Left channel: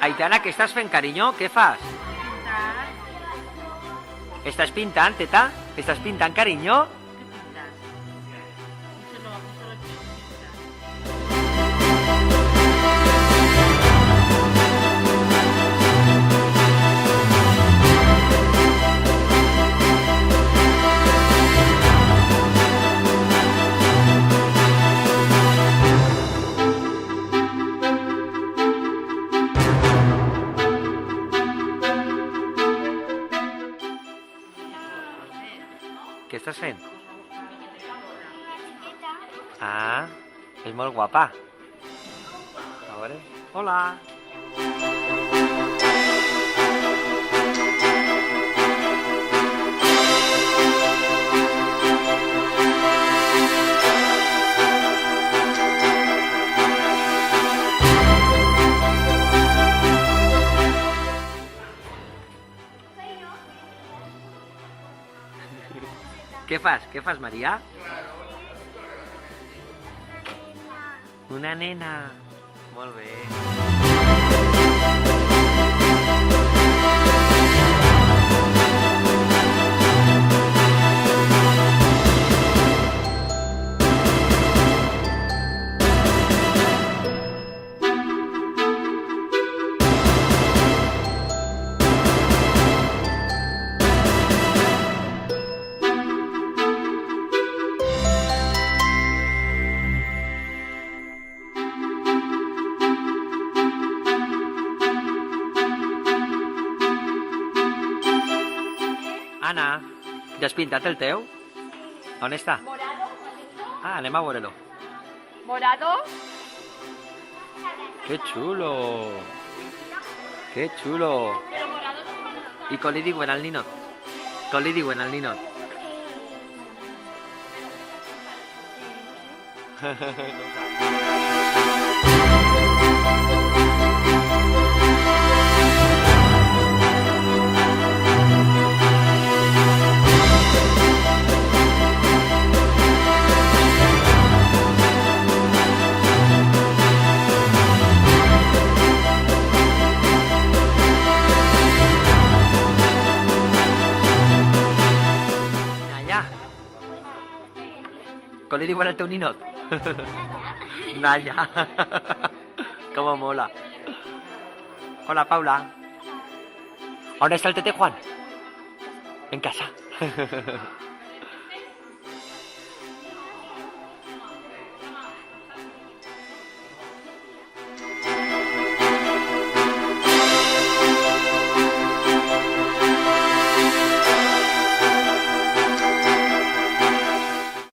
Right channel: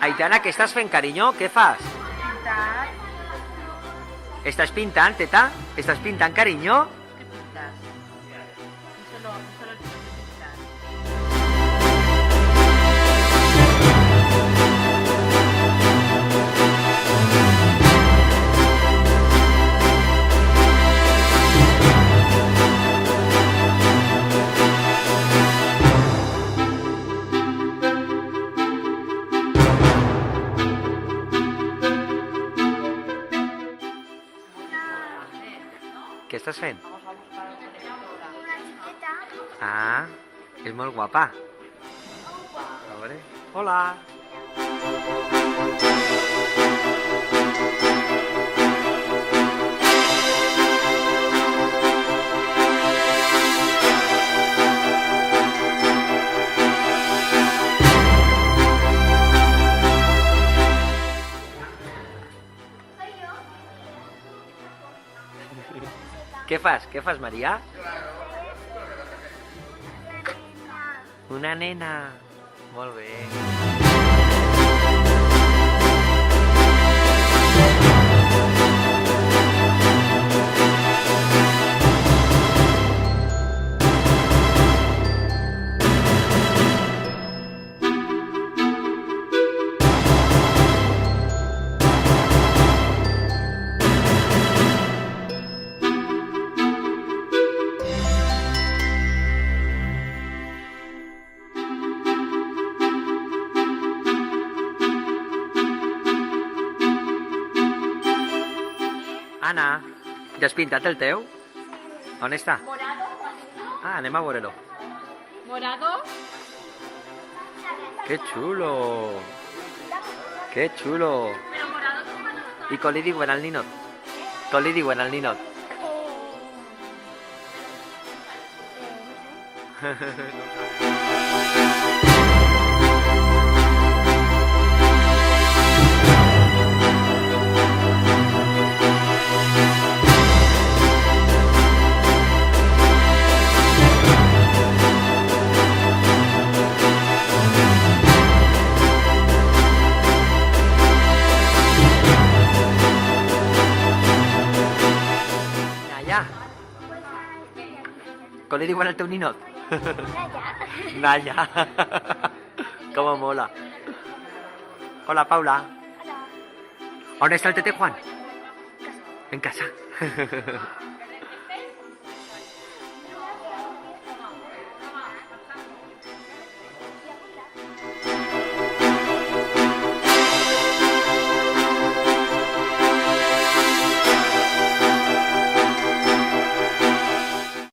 Aitana, què estàs fent, carinyo? Què fas? Pintar. Estàs pintant, teta? Estàs pintant, carinyo? ¿Qué pintas? Solo el tío que pintas. Què estàs fent? Una xiqueta. Ah, és molt guapa. A veure... Hola! Què fas? Què fas, Maria? Una nena. Molt bé. Anna, ja has pintat el teu? On està? Ah, anem a veure-lo. Morado. Que xulo! Que xulo! Pero morado no. I com li diuen al ninot? Com li diuen al ninot? No ho sap. Naya, com li diuen al teu ninot? Naya. Com mola. Hola, Paula. On està el tete Juan? En casa.